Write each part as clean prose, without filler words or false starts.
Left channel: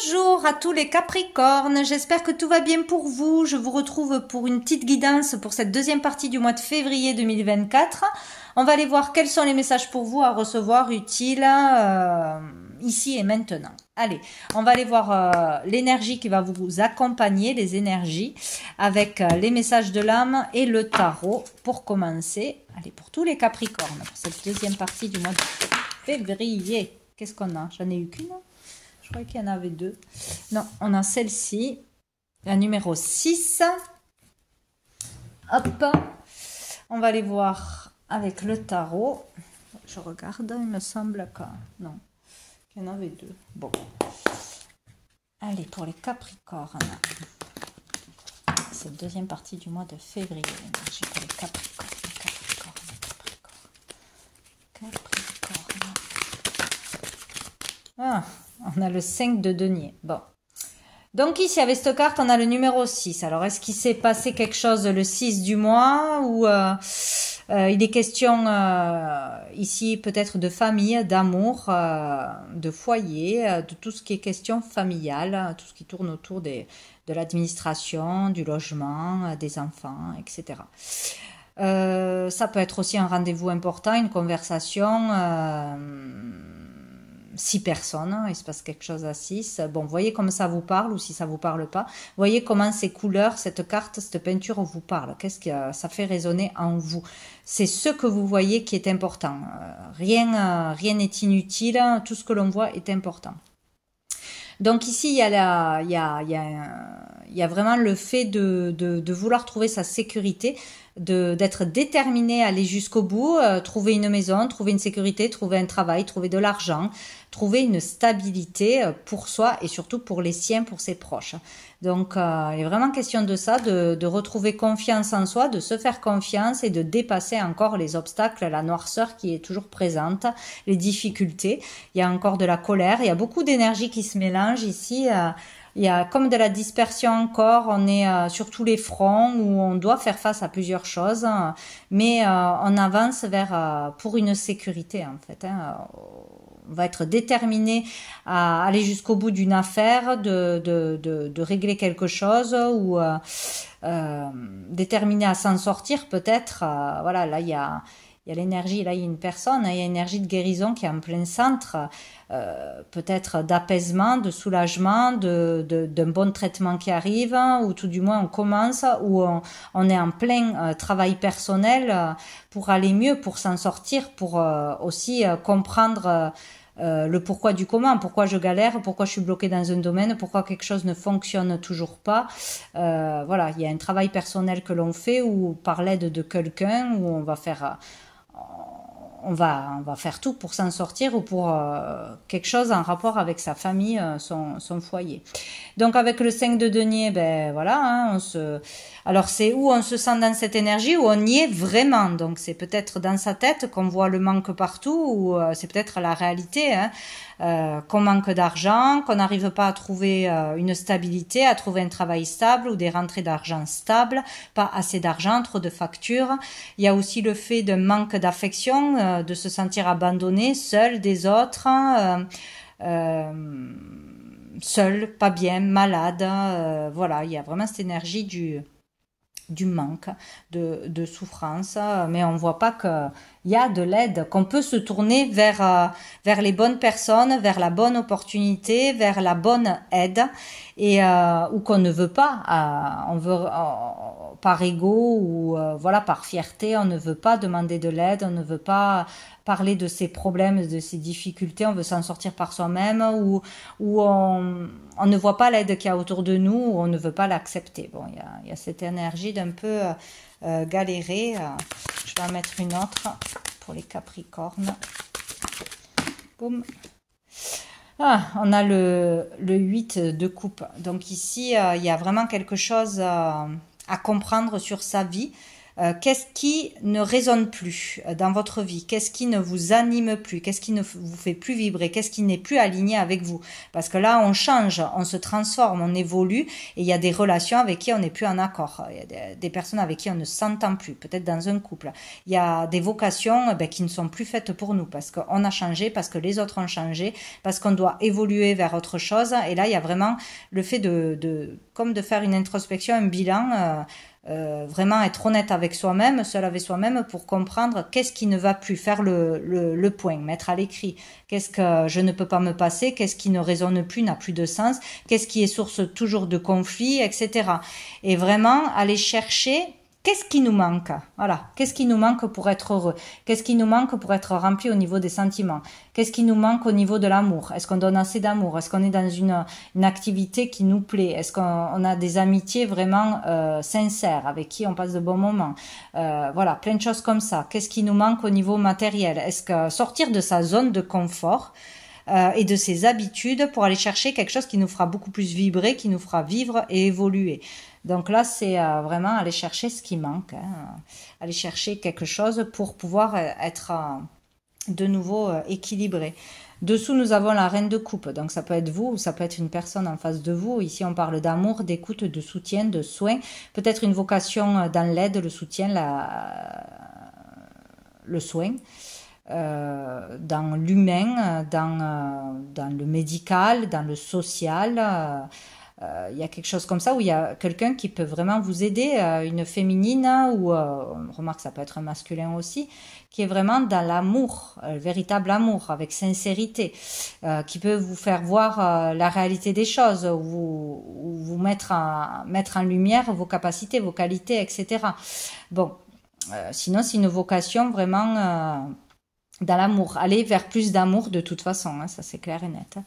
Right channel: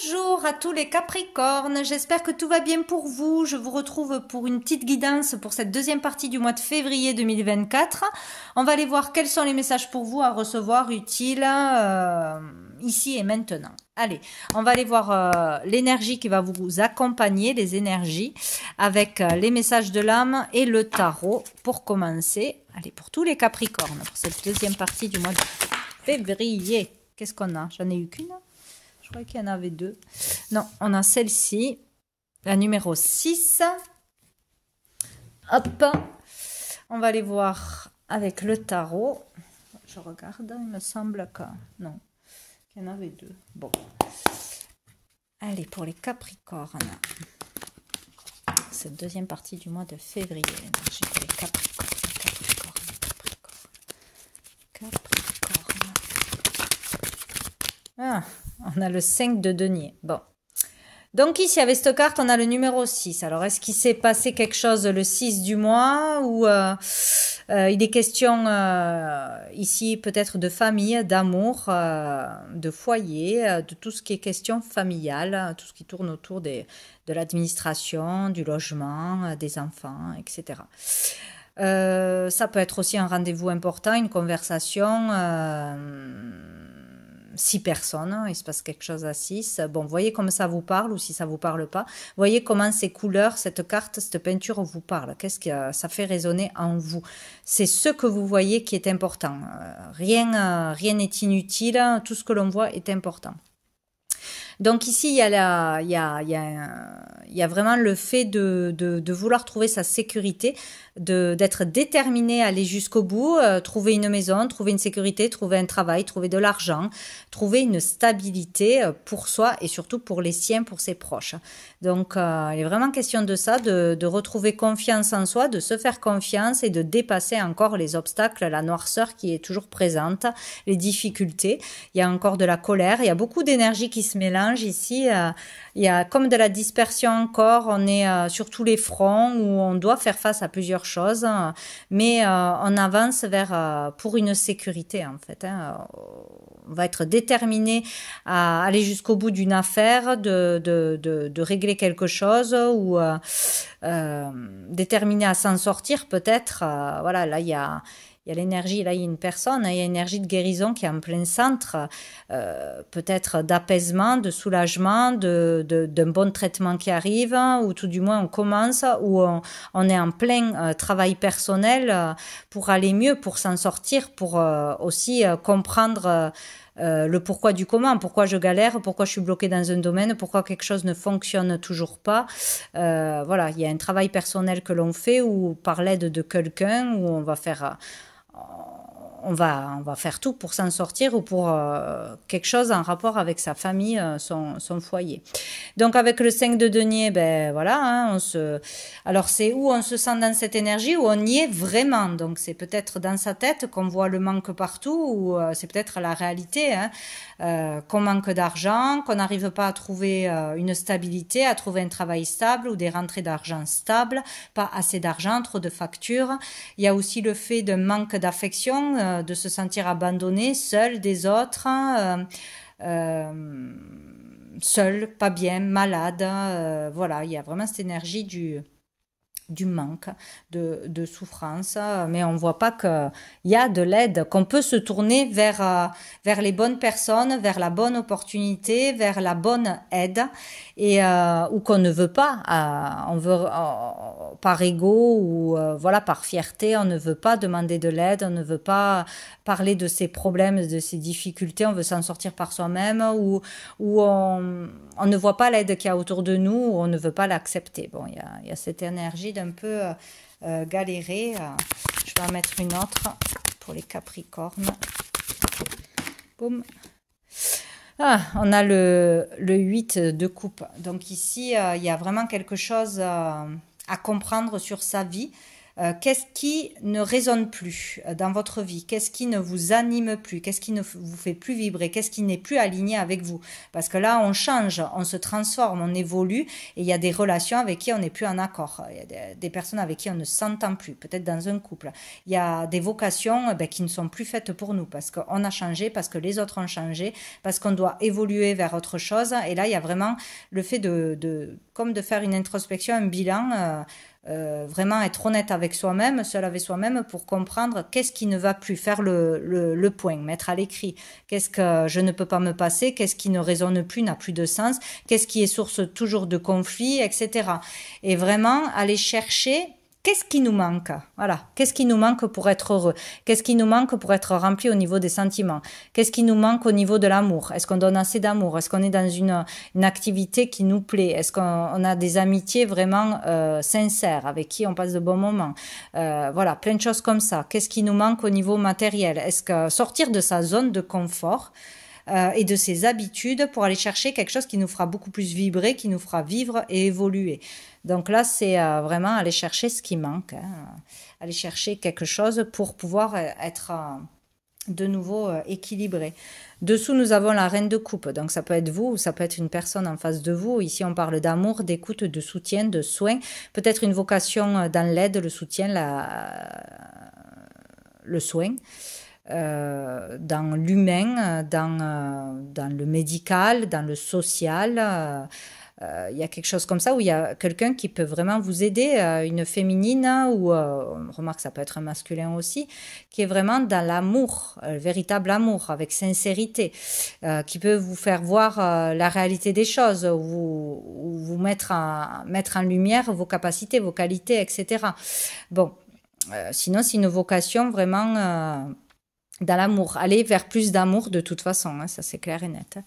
Bonjour à tous les Capricornes, j'espère que tout va bien pour vous. Je vous retrouve pour une petite guidance pour cette deuxième partie du mois de février 2024. On va aller voir quels sont les messages pour vous à recevoir utiles ici et maintenant. Allez, on va aller voir l'énergie qui va vous accompagner, les énergies, avec les messages de l'âme et le tarot pour commencer. Allez, pour tous les Capricornes, pour cette deuxième partie du mois de février. Qu'est-ce qu'on a? J'en ai eu qu'une. Je crois qu'il y en avait deux. Non, on a celle-ci, la numéro 6. Hop, on va aller voir avec le tarot. Je regarde, il me semble que... Non, il y en avait deux. Bon. Allez, pour les Capricornes. Cette deuxième partie du mois de février. J'ai pour les Capricornes. Ah, on a le 5 de denier. Bon. Donc ici, avec cette carte, on a le numéro 6. Alors, est-ce qu'il s'est passé quelque chose le 6 du mois ou il est question ici peut-être de famille, d'amour, de foyer, de tout ce qui est question familiale, tout ce qui tourne autour de l'administration, du logement, des enfants, etc. Ça peut être aussi un rendez-vous important, une conversation... 6 personnes, il se passe quelque chose à 6. Bon, voyez comme ça vous parle ou si ça vous parle pas. Voyez comment ces couleurs, cette carte, cette peinture vous parle. Qu'est-ce que ça fait résonner en vous? C'est ce que vous voyez qui est important. Rien n'est inutile. Tout ce que l'on voit est important. Donc ici, il y a vraiment le fait de vouloir trouver sa sécurité, d'être déterminé à aller jusqu'au bout, trouver une maison, trouver une sécurité, trouver un travail, trouver de l'argent, trouver une stabilité pour soi et surtout pour les siens, pour ses proches. Donc il est vraiment question de ça, de retrouver confiance en soi, de se faire confiance et de dépasser encore les obstacles, la noirceur qui est toujours présente, les difficultés. Il y a encore de la colère, il y a beaucoup d'énergie qui se mélange ici. Il y a comme de la dispersion encore, on est sur tous les fronts où on doit faire face à plusieurs choses, mais on avance vers pour une sécurité en fait. On va être déterminé à aller jusqu'au bout d'une affaire, de régler quelque chose ou déterminé à s'en sortir peut-être. Voilà, là il y a l'énergie, là il y a une personne, il y a l'énergie de guérison qui est en plein centre, peut-être d'apaisement, de soulagement, d'un bon traitement qui arrive, ou tout du moins on commence, ou on est en plein travail personnel pour aller mieux, pour s'en sortir, pour aussi comprendre le pourquoi du comment, pourquoi je galère, pourquoi je suis bloquée dans un domaine, pourquoi quelque chose ne fonctionne toujours pas. Voilà, il y a un travail personnel que l'on fait ou par l'aide de quelqu'un où on va faire... on va faire tout pour s'en sortir ou pour quelque chose en rapport avec sa famille, son foyer. Donc avec le 5 de denier, ben voilà, hein, alors c'est où on se sent dans cette énergie, où on y est vraiment. Donc c'est peut-être dans sa tête qu'on voit le manque partout, ou c'est peut-être la réalité, hein, qu'on manque d'argent, qu'on n'arrive pas à trouver une stabilité, à trouver un travail stable ou des rentrées d'argent stables, pas assez d'argent, trop de factures. Il y a aussi le fait d'un manque d'affection, de se sentir abandonné, seul des autres, seul, pas bien, malade. Voilà, il y a vraiment cette énergie du manque, de souffrance, mais on voit pas qu'il y a de l'aide, qu'on peut se tourner vers les bonnes personnes, vers la bonne opportunité, vers la bonne aide, et ou qu'on ne veut pas, on veut par ego ou voilà, par fierté, on ne veut pas demander de l'aide, on ne veut pas parler de ses problèmes, de ses difficultés, on veut s'en sortir par soi-même, ou on ne voit pas l'aide qu'il y a autour de nous, ou on ne veut pas l'accepter. Bon, il y a cette énergie d'un peu galérer. Je vais en mettre une autre pour les Capricornes. Boum. Ah, on a le 8 de coupe. Donc ici, il y a vraiment quelque chose à comprendre sur sa vie. Qu'est-ce qui ne résonne plus dans votre vie? Qu'est-ce qui ne vous anime plus? Qu'est-ce qui ne vous fait plus vibrer? Qu'est-ce qui n'est plus aligné avec vous? Parce que là, on change, on se transforme, on évolue, et il y a des relations avec qui on n'est plus en accord. Il y a des personnes avec qui on ne s'entend plus, peut-être dans un couple. Il y a des vocations qui ne sont plus faites pour nous, parce qu'on a changé, parce que les autres ont changé, parce qu'on doit évoluer vers autre chose. Et là, il y a vraiment le fait comme de faire une introspection, un bilan, vraiment être honnête avec soi-même, seul avec soi-même, pour comprendre qu'est-ce qui ne va plus, faire le point, mettre à l'écrit, qu'est-ce que je ne peux pas me passer, qu'est-ce qui ne résonne plus, n'a plus de sens, qu'est-ce qui est source toujours de conflits, etc. Et vraiment aller chercher qu'est-ce qui nous manque? Voilà. Qu'est-ce qui nous manque pour être heureux? Qu'est-ce qui nous manque pour être rempli au niveau des sentiments? Qu'est-ce qui nous manque au niveau de l'amour? Est-ce qu'on donne assez d'amour? Est-ce qu'on est dans une activité qui nous plaît? Est-ce qu'on a des amitiés vraiment sincères avec qui on passe de bons moments? Voilà, plein de choses comme ça. Qu'est-ce qui nous manque au niveau matériel? Est-ce que sortir de sa zone de confort et de ses habitudes pour aller chercher quelque chose qui nous fera beaucoup plus vibrer, qui nous fera vivre et évoluer. Donc là, c'est vraiment aller chercher ce qui manque, hein, aller chercher quelque chose pour pouvoir être de nouveau équilibré. Dessous, nous avons la reine de coupe, donc ça peut être vous, ou ça peut être une personne en face de vous. Ici, on parle d'amour, d'écoute, de soutien, de soin, peut-être une vocation dans l'aide, le soutien, le soin. Dans l'humain, dans le médical, dans le social, il y a quelque chose comme ça où il y a quelqu'un qui peut vraiment vous aider, une féminine ou on remarque ça peut être un masculin aussi, qui est vraiment dans l'amour, véritable amour, avec sincérité, qui peut vous faire voir la réalité des choses, ou vous mettre en lumière vos capacités, vos qualités, etc. Bon, sinon c'est une vocation vraiment dans l'amour, aller vers plus d'amour de toute façon, hein, ça c'est clair et net. Hein.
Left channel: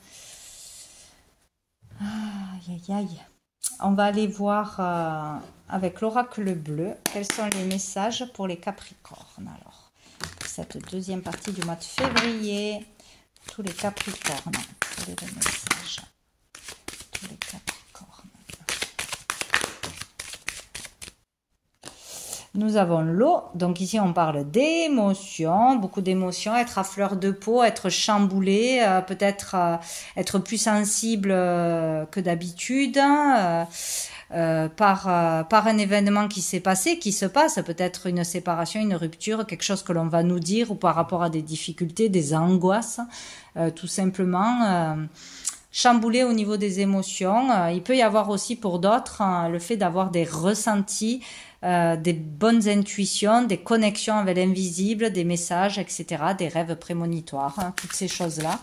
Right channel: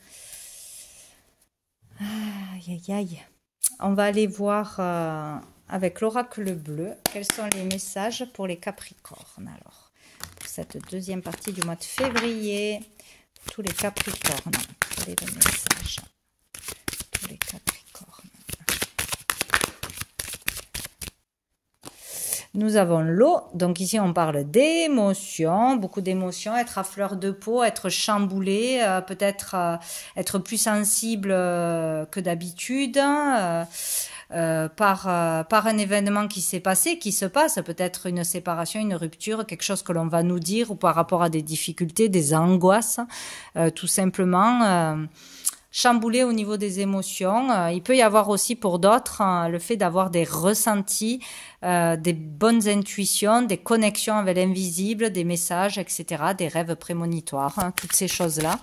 Aïe, aïe, aïe. On va aller voir avec l'oracle bleu quels sont les messages pour les Capricornes. Alors, pour cette deuxième partie du mois de février, tous les Capricornes, quel est le message? Tous les Capricornes. Nous avons l'eau, donc ici on parle d'émotions, beaucoup d'émotions, être à fleur de peau, être chamboulé, peut-être être plus sensible que d'habitude par un événement qui s'est passé, qui se passe, peut-être une séparation, une rupture, quelque chose que l'on va nous dire ou par rapport à des difficultés, des angoisses, tout simplement. Chamboulé au niveau des émotions. Il peut y avoir aussi pour d'autres le fait d'avoir des ressentis, des bonnes intuitions, des connexions avec l'invisible, des messages, etc., des rêves prémonitoires, hein, toutes ces choses-là.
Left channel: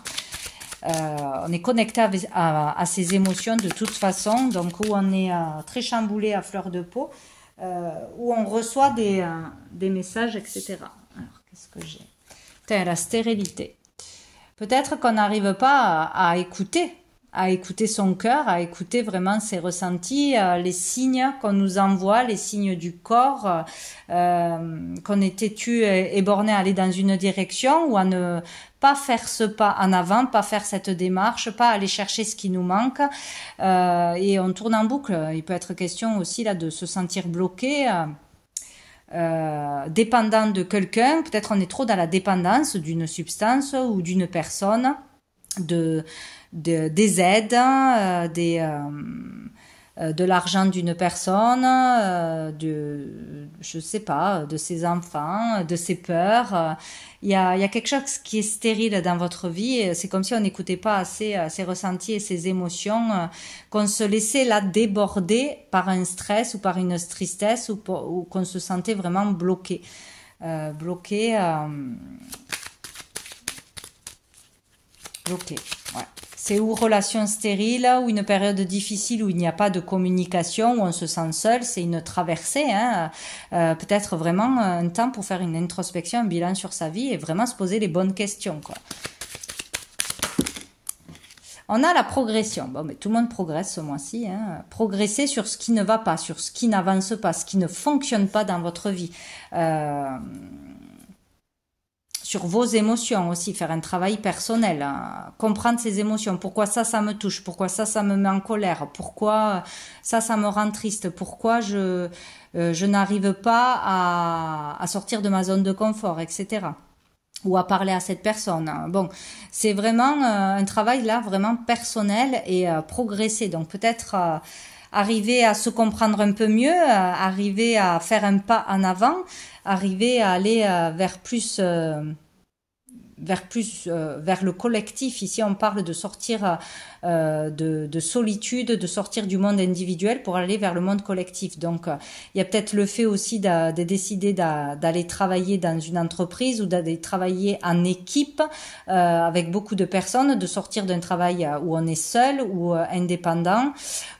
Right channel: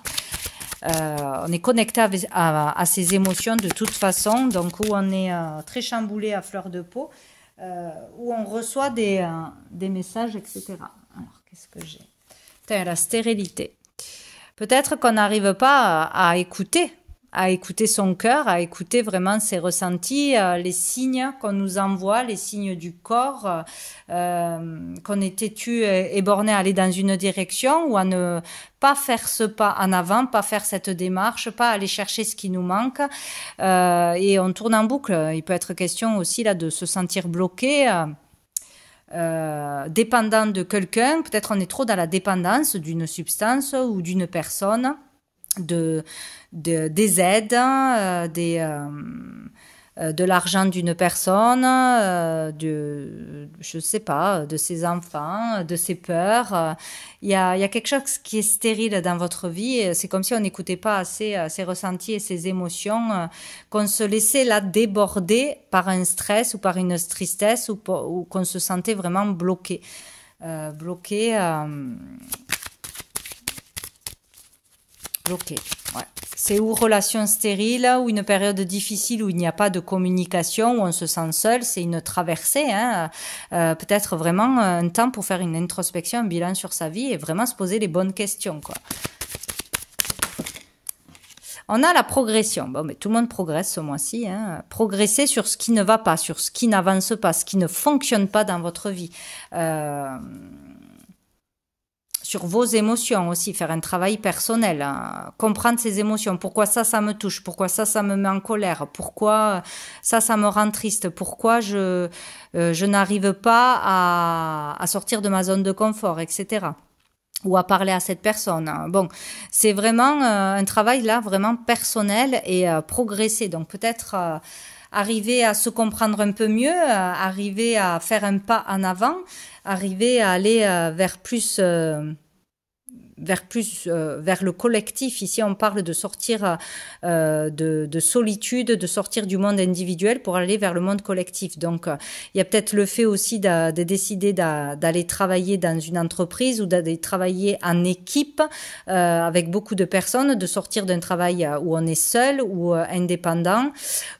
On est connecté à ces émotions de toute façon, donc où on est très chamboulé à fleur de peau, où on reçoit des messages, etc. Alors, qu'est-ce que j'ai? La stérilité. Peut-être qu'on n'arrive pas à écouter son cœur, à écouter vraiment ses ressentis, les signes qu'on nous envoie, les signes du corps, qu'on est têtu et borné à aller dans une direction ou à ne pas faire ce pas en avant, pas faire cette démarche, pas aller chercher ce qui nous manque, et on tourne en boucle. Il peut être question aussi là de se sentir bloqué, dépendant de quelqu'un. Peut-être on est trop dans la dépendance d'une substance ou d'une personne, des aides, de l'argent d'une personne, je sais pas, de ses enfants, de ses peurs. Il y a quelque chose qui est stérile dans votre vie. C'est comme si on n'écoutait pas assez ses ressentis et ses émotions, qu'on se laissait là déborder par un stress ou par une tristesse, ou qu'on se sentait vraiment bloqué. Bloqué, ouais. C'est ou relation stérile, ou une période difficile où il n'y a pas de communication, où on se sent seul. C'est une traversée, hein. Peut-être vraiment un temps pour faire une introspection, un bilan sur sa vie et vraiment se poser les bonnes questions, quoi. On a la progression. Bon, mais tout le monde progresse ce mois-ci, hein. Progresser sur ce qui ne va pas, sur ce qui n'avance pas, ce qui ne fonctionne pas dans votre vie. sur vos émotions aussi, faire un travail personnel, hein, comprendre ses émotions, pourquoi ça me touche, pourquoi ça me met en colère, pourquoi ça me rend triste, pourquoi je n'arrive pas à sortir de ma zone de confort, etc. Ou à parler à cette personne. Bon, c'est vraiment un travail là, vraiment personnel et progresser. Donc peut-être arriver à se comprendre un peu mieux, arriver à faire un pas en avant, arriver à aller vers le collectif. Ici, on parle de sortir de solitude, de sortir du monde individuel pour aller vers le monde collectif. Donc, il y a peut-être le fait aussi de décider d'aller travailler dans une entreprise ou d'aller travailler en équipe avec beaucoup de personnes, de sortir d'un travail où on est seul ou indépendant,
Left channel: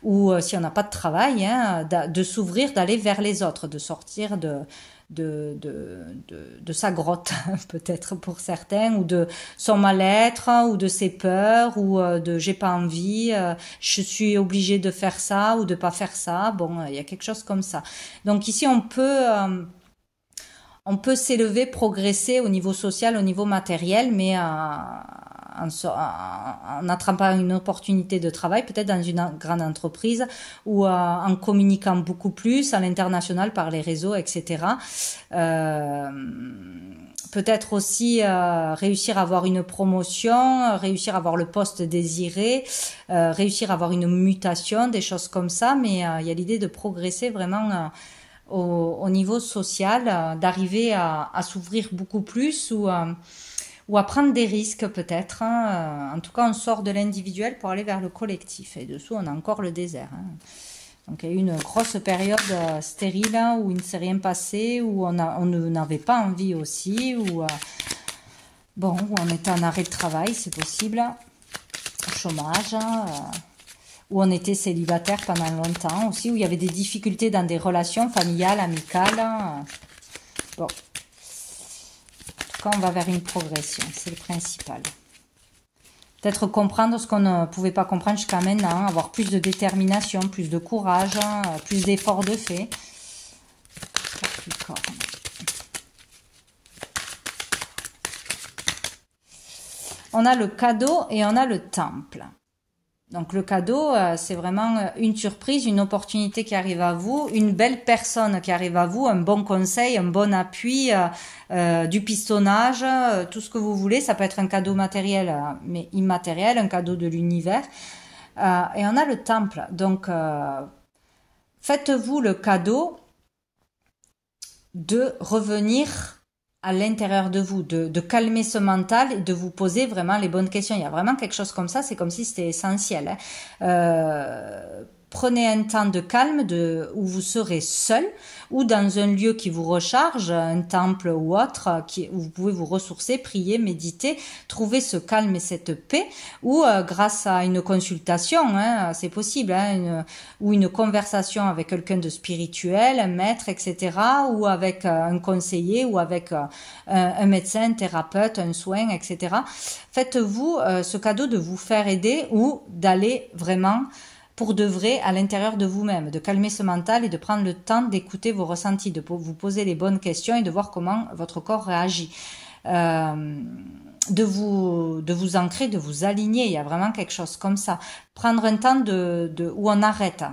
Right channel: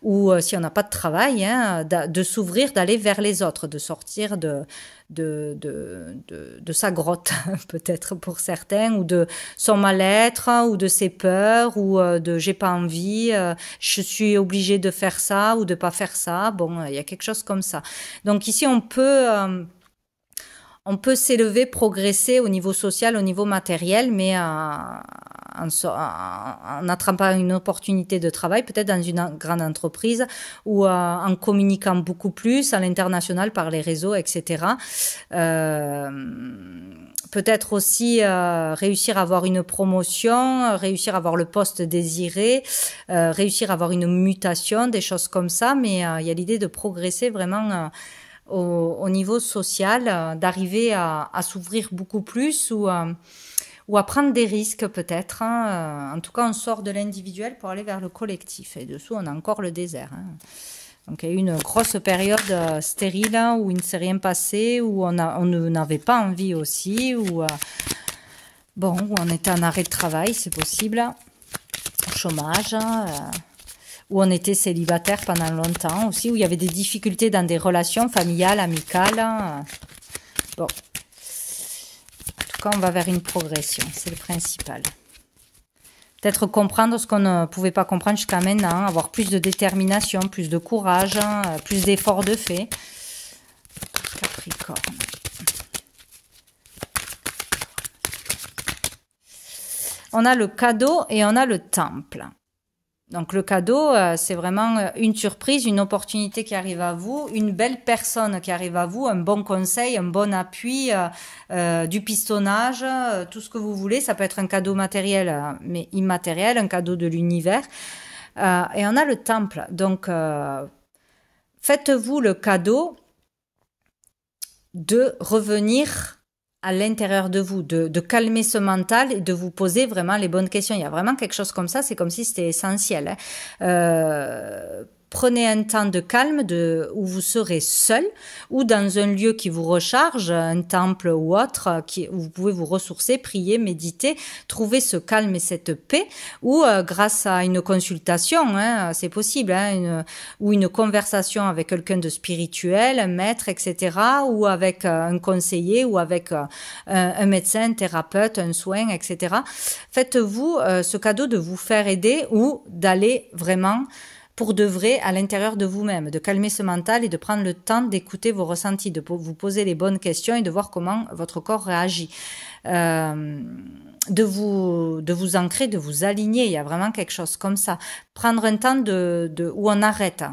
ou si on n'a pas de travail, hein, de s'ouvrir, d'aller vers les autres, de sortir de sa grotte, peut-être pour certains, ou de son mal-être, ou de ses peurs, ou de j'ai pas envie, je suis obligée de faire ça ou de pas faire ça. Bon, il y a quelque chose comme ça. Donc ici, on peut s'élever, progresser au niveau social, au niveau matériel, mais en attrapant une opportunité de travail, peut-être dans une grande entreprise, ou en communiquant beaucoup plus à l'international par les réseaux, etc. Peut-être aussi réussir à avoir une promotion, réussir à avoir le poste désiré, réussir à avoir une mutation, des choses comme ça, mais il y a l'idée de progresser vraiment au niveau social, d'arriver à s'ouvrir beaucoup plus ou à prendre des risques peut-être. Hein. En tout cas, on sort de l'individuel pour aller vers le collectif. Et dessous, on a encore le désert. Hein. Donc, il y a eu une grosse période stérile où il ne s'est rien passé, où on n'avait pas envie aussi, où on était en arrêt de travail, c'est possible, au chômage, où on était célibataire pendant longtemps aussi, où il y avait des difficultés dans des relations familiales, amicales. Bon. Quand on va vers une progression, c'est le principal. Peut-être comprendre ce qu'on ne pouvait pas comprendre jusqu'à maintenant, avoir plus de détermination, plus de courage, plus d'efforts de fait. Capricorne. On a le cadeau et on a le temple. Donc le cadeau, c'est vraiment une surprise, une opportunité qui arrive à vous, une belle personne qui arrive à vous, un bon conseil, un bon appui, du pistonnage, tout ce que vous voulez. Ça peut être un cadeau matériel, mais immatériel, un cadeau de l'univers. Et on a le temple. Donc, faites-vous le cadeau de revenir à l'intérieur de vous, de calmer ce mental et de vous poser vraiment les bonnes questions. Il y a vraiment quelque chose comme ça, c'est comme si c'était essentiel. Hein. Prenez un temps de calme où vous serez seul ou dans un lieu qui vous recharge, un temple ou autre, où vous pouvez vous ressourcer, prier, méditer, trouver ce calme et cette paix, ou grâce à une consultation, hein, c'est possible, hein, ou une conversation avec quelqu'un de spirituel, un maître, etc., ou avec un conseiller, ou avec un médecin, un thérapeute, un soin, etc. Faites-vous ce cadeau de vous faire aider ou d'aller vraiment pour de vrai à l'intérieur de vous-même, de calmer ce mental et de prendre le temps d'écouter vos ressentis, de vous poser les bonnes questions et de voir comment votre corps réagit. De vous ancrer, de vous aligner, il y a vraiment quelque chose comme ça. Prendre un temps où on arrête.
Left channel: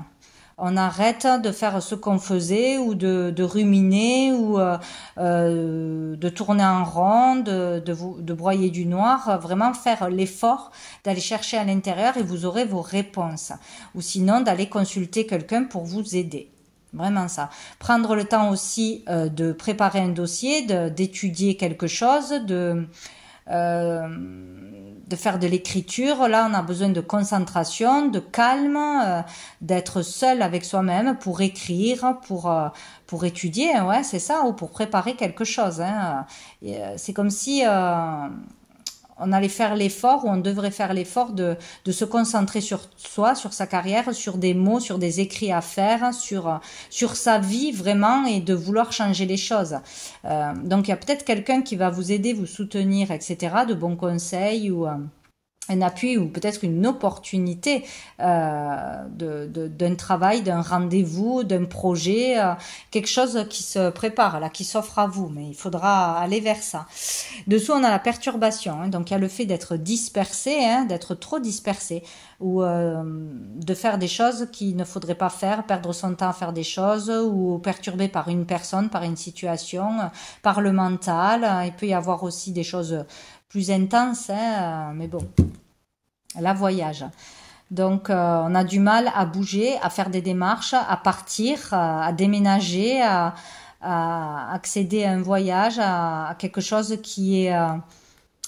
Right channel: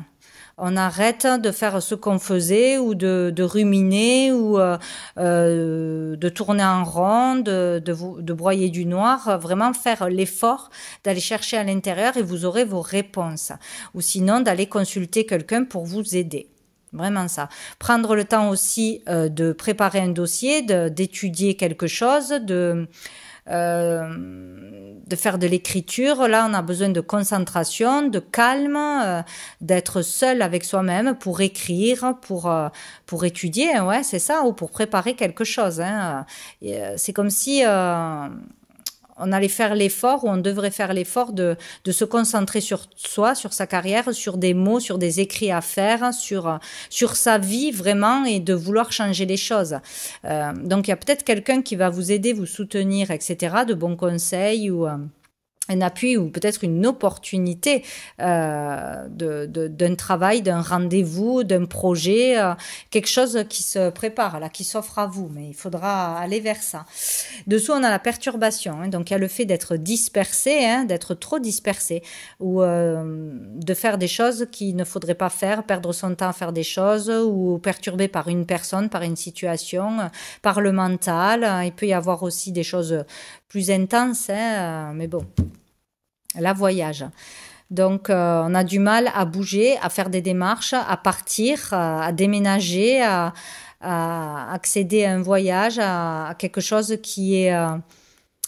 On arrête de faire ce qu'on faisait ou de ruminer ou de tourner en rond, de broyer du noir. Vraiment faire l'effort d'aller chercher à l'intérieur et vous aurez vos réponses. Ou sinon d'aller consulter quelqu'un pour vous aider. Vraiment ça. Prendre le temps aussi de préparer un dossier, d'étudier quelque chose, de faire de l'écriture. Là, on a besoin de concentration, de calme, d'être seul avec soi-même pour écrire, pour étudier, ouais, c'est ça, ou pour préparer quelque chose. Hein. C'est comme si on allait faire l'effort, ou on devrait faire l'effort de se concentrer sur soi, sur sa carrière, sur des mots, sur des écrits à faire, sur sa vie vraiment, et de vouloir changer les choses. Donc il y a peut-être quelqu'un qui va vous aider, vous soutenir, etc., de bons conseils, ou un appui ou peut-être une opportunité d'un travail, d'un rendez-vous, d'un projet, quelque chose qui se prépare, là, qui s'offre à vous, mais il faudra aller vers ça. Dessous, on a la perturbation, hein, donc il y a le fait d'être dispersé, hein, d'être trop dispersé, ou de faire des choses qu'il ne faudrait pas faire, perdre son temps à faire des choses, ou perturbé par une personne, par une situation, par le mental. Il peut y avoir aussi des choses plus intenses, hein, mais bon, la voyage. Donc, on a du mal à bouger, à faire des démarches, à partir, à déménager, à accéder à un voyage, à quelque chose qui est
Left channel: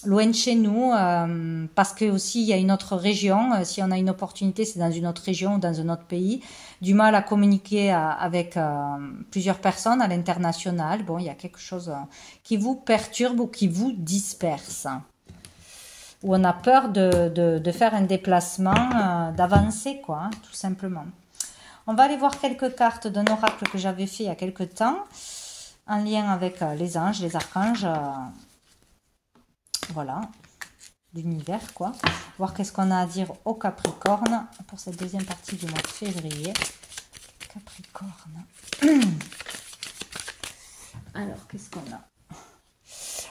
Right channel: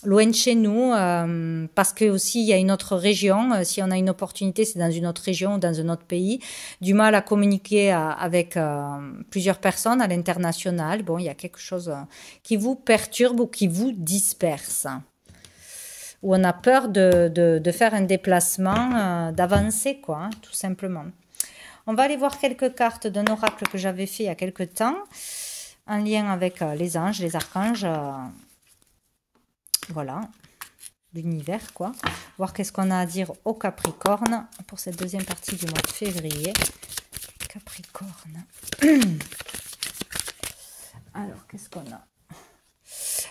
loin de chez nous, parce que aussi il y a une autre région. Si on a une opportunité, c'est dans une autre région ou dans un autre pays. Du mal à communiquer avec plusieurs personnes à l'international. Bon, il y a quelque chose qui vous perturbe ou qui vous disperse. Où on a peur de faire un déplacement, d'avancer, quoi, hein, tout simplement. On va aller voir quelques cartes d'un oracle que j'avais fait il y a quelques temps, en lien avec les anges, les archanges, voilà, l'univers, quoi. Voir qu'est-ce qu'on a à dire au Capricorne pour cette deuxième partie du mois de février. Capricorne. Alors, qu'est-ce qu'on a?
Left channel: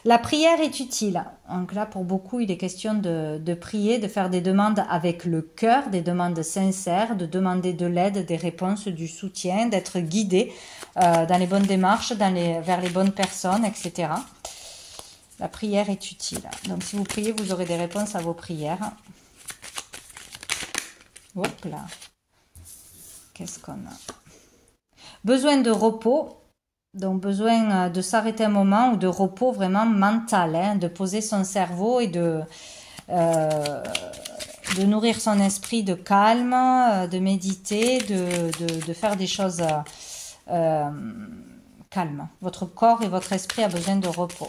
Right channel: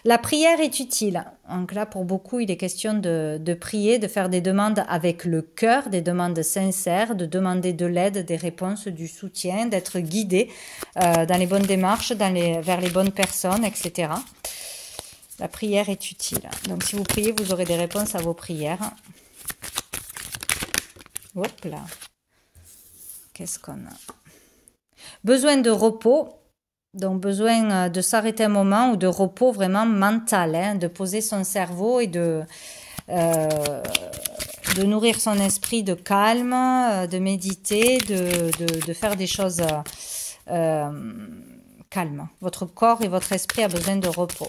La prière est utile. Donc là, pour beaucoup, il est question de prier, de faire des demandes avec le cœur, des demandes sincères, de demander de l'aide, des réponses, du soutien, d'être guidé dans les bonnes démarches, vers les bonnes personnes, etc. La prière est utile. Donc si vous priez, vous aurez des réponses à vos prières. Hop là. Qu'est-ce qu'on a? Besoin de repos. Donc, besoin de s'arrêter un moment ou de repos vraiment mental, hein, de poser son cerveau et de nourrir son esprit de calme, de méditer, de faire des choses calmes. Votre corps et votre esprit a besoin de repos.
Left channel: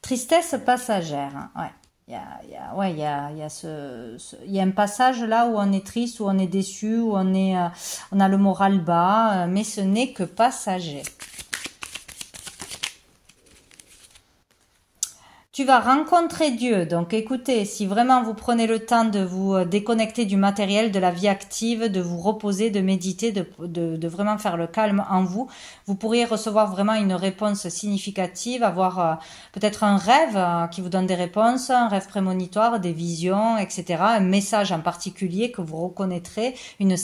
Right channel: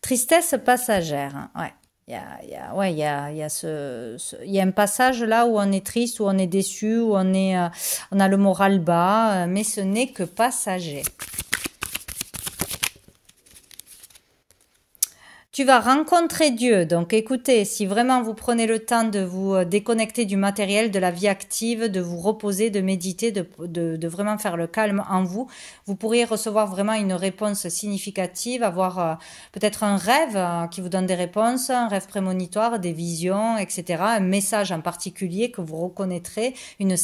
Tristesse passagère, ouais. Il y a un passage là où on est triste, où on est déçu, où on a le moral bas, mais ce n'est que passager. Tu vas rencontrer Dieu. Donc écoutez, si vraiment vous prenez le temps de vous déconnecter du matériel, de la vie active, de vous reposer, de méditer, de vraiment faire le calme en vous, vous pourriez recevoir vraiment une réponse significative, avoir peut-être un rêve qui vous donne des réponses, un rêve prémonitoire, des visions, etc. Un message en particulier que vous reconnaîtrez, une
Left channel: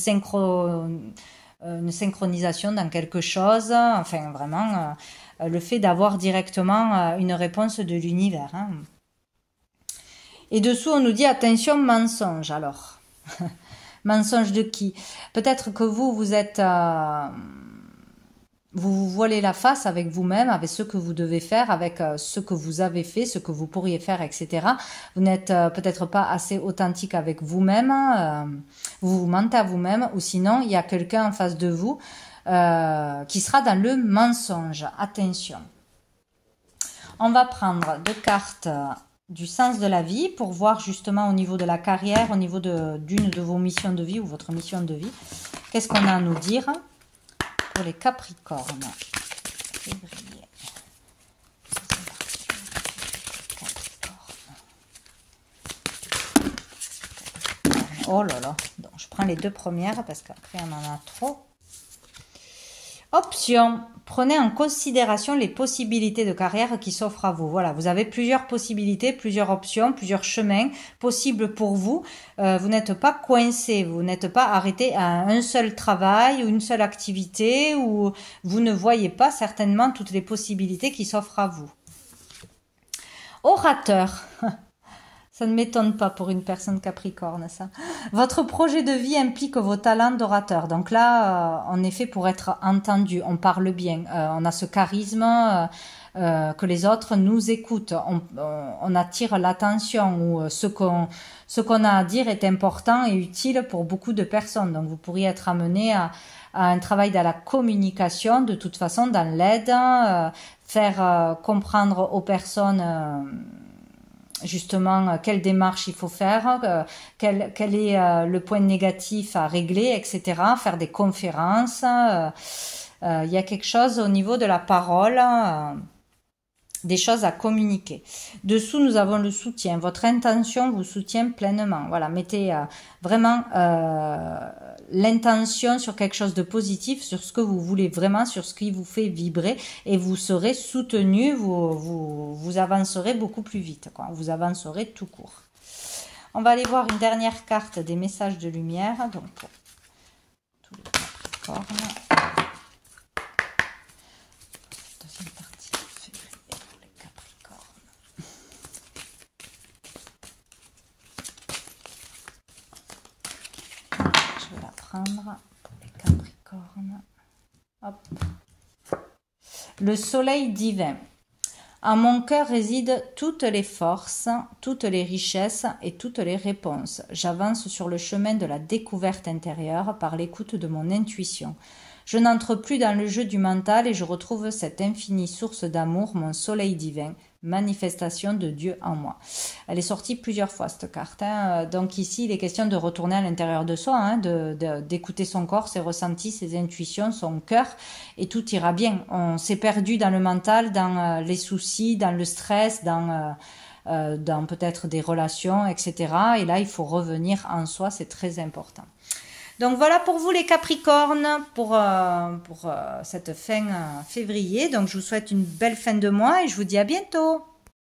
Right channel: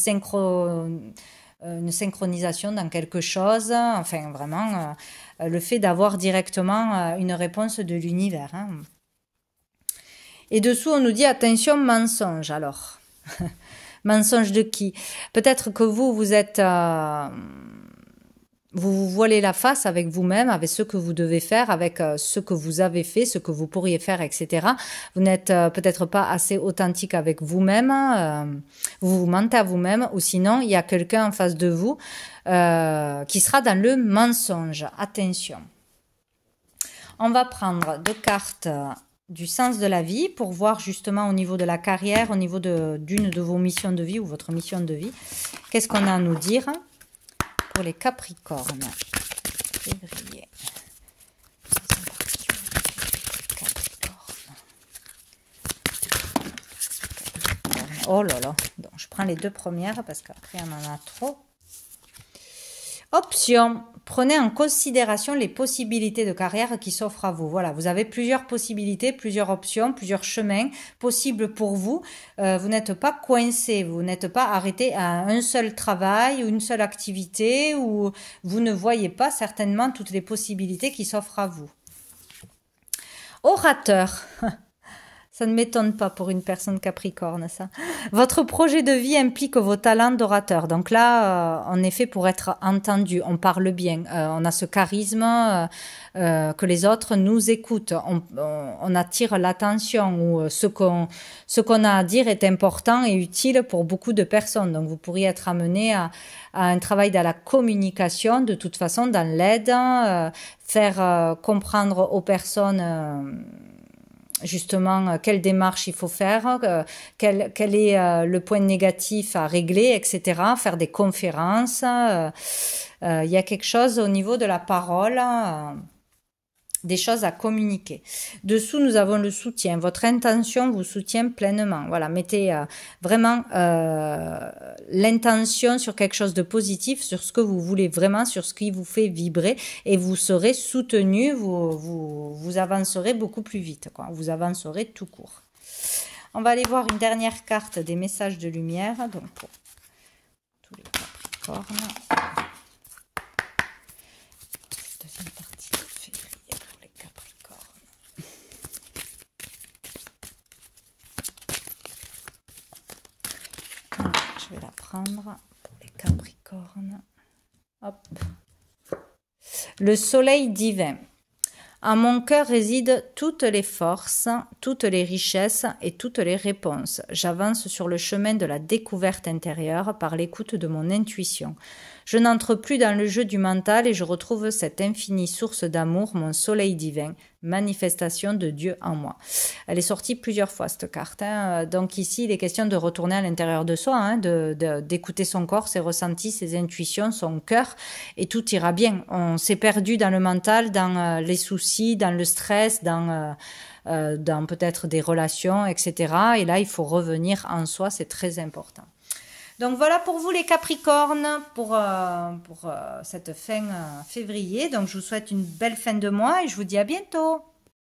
synchronisation dans quelque chose, enfin vraiment le fait d'avoir directement une réponse de l'univers. Hein. Et dessous, on nous dit attention, mensonge. Alors, mensonge de qui? Peut-être que vous êtes... vous vous voilez la face avec vous-même, avec ce que vous devez faire, avec ce que vous avez fait, ce que vous pourriez faire, etc. Vous n'êtes peut-être pas assez authentique avec vous-même, vous vous mentez à vous-même, ou sinon, il y a quelqu'un en face de vous qui sera dans le mensonge. Attention. On va prendre deux cartes du sens de la vie pour voir justement au niveau de la carrière, au niveau d'une de vos missions de vie ou votre mission de vie. Qu'est-ce qu'on a à nous dire pour les Capricornes? Février. Oh là là. Donc, je prends les deux premières parce qu'après on en a trop. Option, prenez en considération les possibilités de carrière qui s'offrent à vous. Voilà, vous avez plusieurs possibilités, plusieurs options, plusieurs chemins possibles pour vous. Vous n'êtes pas coincé, vous n'êtes pas arrêté à un seul travail ou une seule activité, ou vous ne voyez pas certainement toutes les possibilités qui s'offrent à vous. Orateur. Ça ne m'étonne pas pour une personne capricorne, ça. Votre projet de vie implique vos talents d'orateur. Donc là, on est fait pour être entendu. On parle bien. On a ce charisme que les autres nous écoutent. On attire l'attention, ou ce qu'on a à dire est important et utile pour beaucoup de personnes. Donc vous pourriez être amené à un travail dans la communication, de toute façon, dans l'aide, faire comprendre aux personnes... justement quelle démarche il faut faire, quel est le point négatif à régler, etc. Faire des conférences, Il y a quelque chose au niveau de la parole, des choses à communiquer. Dessous, nous avons le soutien. Votre intention vous soutient pleinement. Voilà, mettez vraiment l'intention sur quelque chose de positif, sur ce que vous voulez vraiment, sur ce qui vous fait vibrer, et vous serez soutenu, vous avancerez beaucoup plus vite, quoi. Vous avancerez tout court. On va aller voir une dernière carte des messages de lumière, donc pour tous les Capricornes. Deuxième partie de février pour les Capricornes. Je vais la prendre pour les Capricornes. Hop. Le soleil divin. En mon cœur résident toutes les forces, toutes les richesses et toutes les réponses. J'avance sur le chemin de la découverte intérieure par l'écoute de mon intuition. Je n'entre plus dans le jeu du mental et je retrouve cette infinie source d'amour, mon soleil divin, manifestation de Dieu en moi. Elle est sortie plusieurs fois, cette carte, hein. Donc ici, il est question de retourner à l'intérieur de soi, hein, d'écouter son corps, ses ressentis, ses intuitions, son cœur, et tout ira bien. On s'est perdu dans le mental, dans les soucis, dans le stress, dans peut-être des relations, etc. Et là, il faut revenir en soi, c'est très important. Donc voilà pour vous les Capricornes, pour cette fin février. Donc je vous souhaite une belle fin de mois et je vous dis à bientôt.